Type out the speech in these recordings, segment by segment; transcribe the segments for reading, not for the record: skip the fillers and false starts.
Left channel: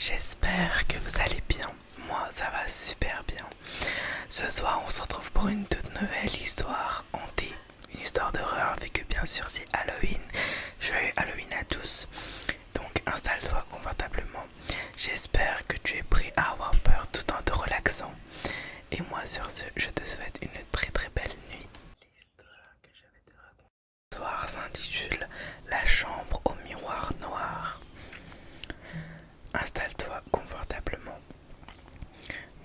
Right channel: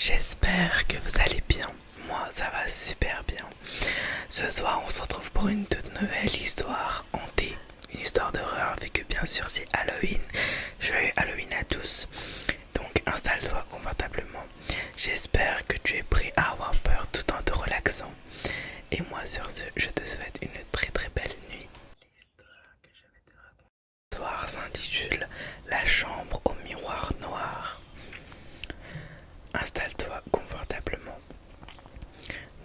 J'espère que vous allez bien. Moi, ça va super bien. Ce soir, on se retrouve pour une toute nouvelle histoire hantée. Une histoire d'horreur, vu que bien sûr c'est Halloween. Joyeux Halloween à tous. Donc installe-toi confortablement. J'espère que tu es prêt à avoir peur tout en te relaxant. Et moi sur ce, je te souhaite une très très belle nuit. L'histoire que je vais te raconter ce soir s'intitule La chambre au miroir noir. Installe-toi confortablement.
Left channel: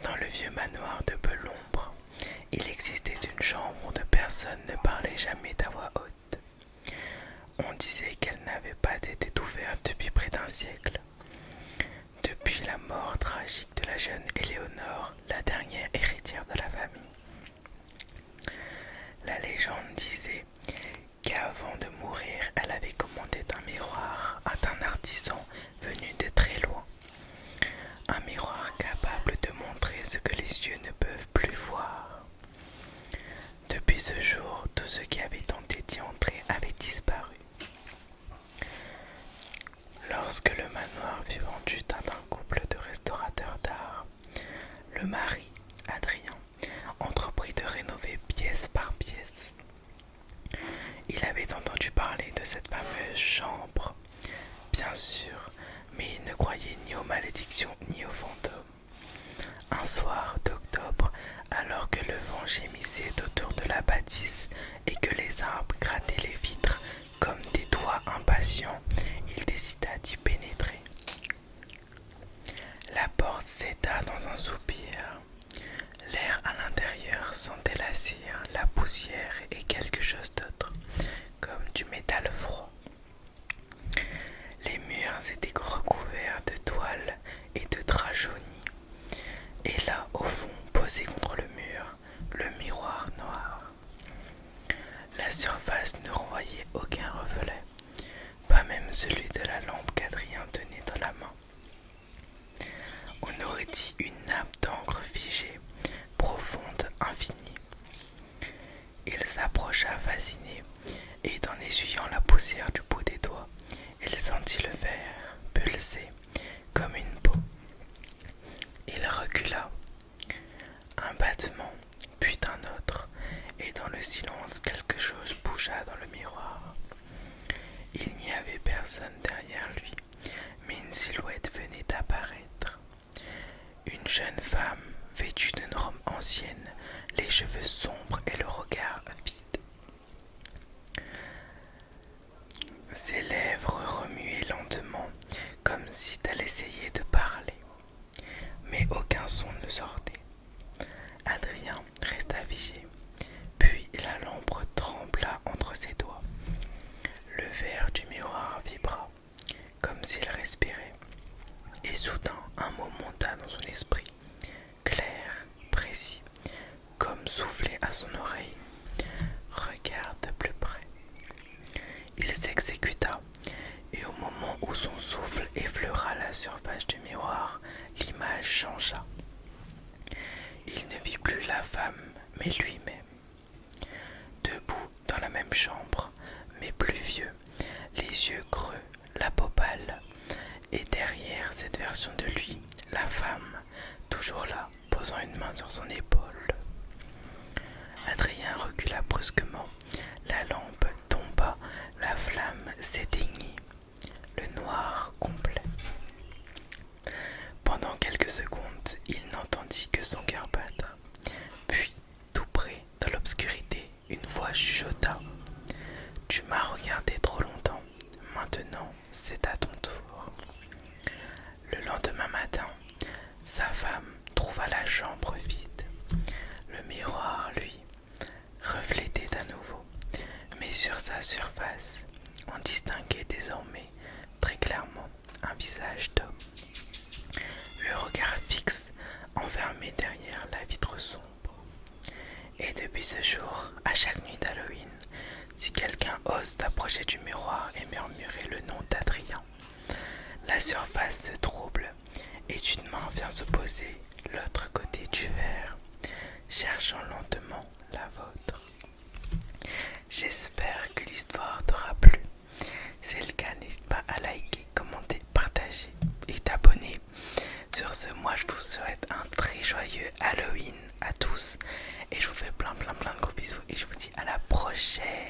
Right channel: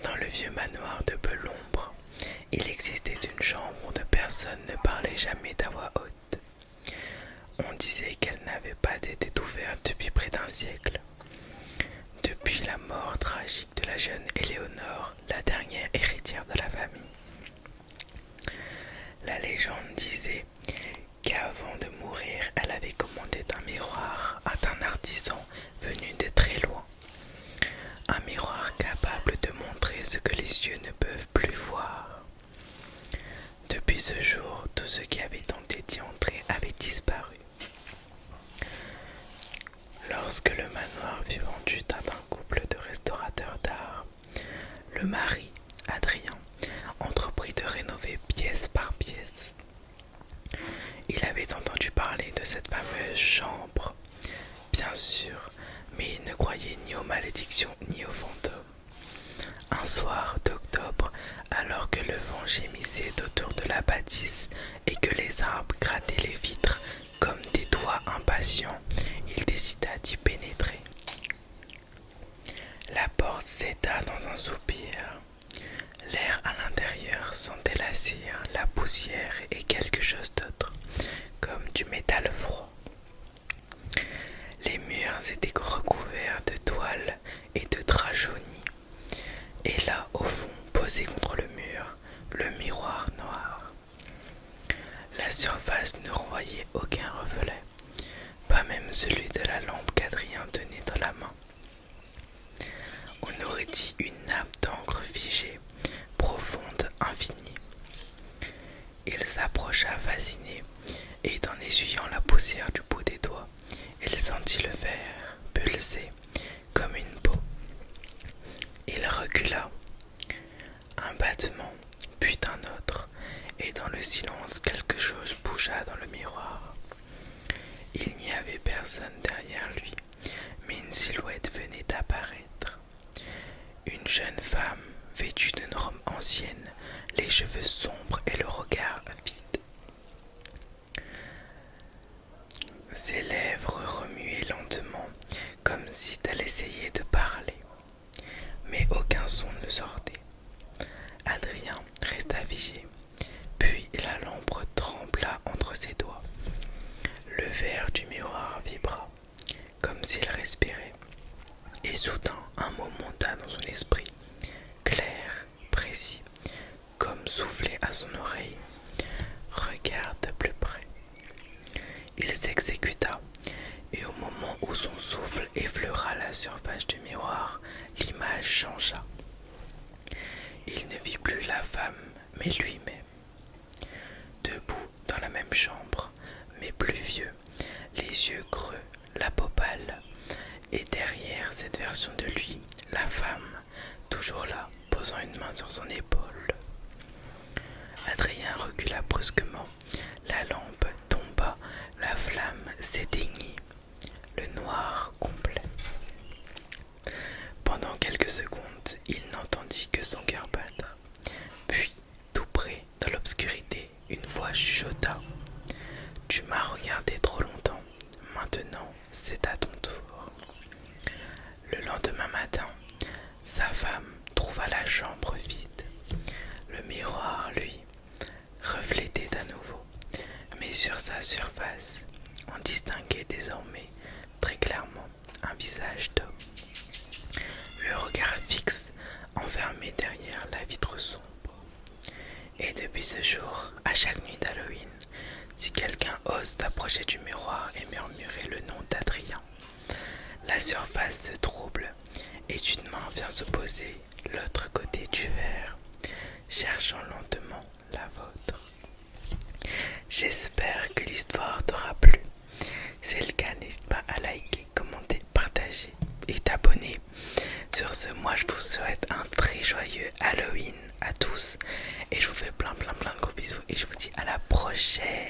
Dans le vieux manoir de Belombre, il existait une chambre où personne ne parlait jamais à voix haute. On disait qu'elle n'avait pas été ouverte depuis près d'un siècle. Depuis la mort tragique de la jeune Éléonore, la dernière héritière de la famille. La légende disait qu'avant de mourir, elle avait commandé un miroir à un artisan venu de très loin. Un miroir capable de montrer ce que les yeux ne peuvent plus voir. Depuis ce jour, tous ceux qui avaient tenté d'y entrer avaient disparu. Lorsque le manoir fut vendu à un couple de restaurateurs d'art, le mari, Adrien, entreprit de rénover pièce par pièce. Il avait entendu parler de cette fameuse chambre, bien sûr, mais il ne croyait ni aux malédictions ni aux fantômes. Un soir d'octobre, alors que le vent gémissait autour de la bâtisse et que les arbres grattaient les vitres comme des doigts impatients, il décida d'y pénétrer. La porte céda dans un soupir. L'air à l'intérieur sentait la cire, la poussière et quelque chose d'autre, comme du métal froid. Les murs étaient recouverts de toiles et de draps jaunis. Et là, au fond, posé contre le mur, le miroir noir. La surface ne renvoyait aucun reflet, pas même celui de la lampe qu'Adrien tenait dans la main. On aurait dit une nappe d'encre figée, profonde, infinie. Il s'approcha fasciné, et en essuyant la poussière du bout des doigts, il sentit le verre pulser comme une peau. Il recula. Un battement, puis un autre, et dans le silence quelque chose bougea dans le miroir. Il n'y avait personne derrière lui, mais une silhouette venait d'apparaître. Une jeune femme, vêtue d'une robe ancienne, les cheveux sombres et le regard vide. Ses lèvres remuaient lentement, comme si elle essayait de parler, mais aucun son ne sortait. Adrien resta figé, puis la lampe trembla entre ses doigts. Le verre du miroir vibra, comme s'il respirait, et soudain un mot monta dans son esprit, clair, précis, comme soufflé à son oreille. Regarde de plus près. Il s'exécuta, et au moment où son souffle effleura la surface du miroir, l'image changea. Il ne vit plus la femme, mais lui-même. Debout dans la même chambre, mais plus vieux, les yeux creux, la peau pâle, et derrière cette version de lui, la femme, toujours là, posant une main sur son épaule. Adrien recula brusquement, la lampe tomba, la flamme s'éteignit, le noir complet. Pendant quelques secondes, il n'entendit que son cœur battre. Puis, tout près, dans l'obscurité, une voix chuchota. « Tu m'as regardé trop longtemps. Maintenant, c'est à ton tour. » Le lendemain matin, sa femme trouva la chambre vide. Le miroir, lui, reflétait à nouveau, mais sur sa surface, on distinguait désormais très clairement un visage d'homme. Le regard fixe, enfermé derrière la vitre sombre. Et depuis ce jour, à chaque nuit d'Halloween, si quelqu'un ose s'approcher du miroir et murmurer le nom d'Adrien, la surface se trouble et une main vient se poser l'autre côté du verre, cherchant lentement la vôtre. J'espère que l'histoire t'aura plu. Si c'est le cas, n'hésite pas à liker, commenter, partager et t'abonner sur ce, moi je vous souhaite un très joyeux Halloween à tous. Et je vous fais plein de gros bisous. Et je vous dis à la prochaine.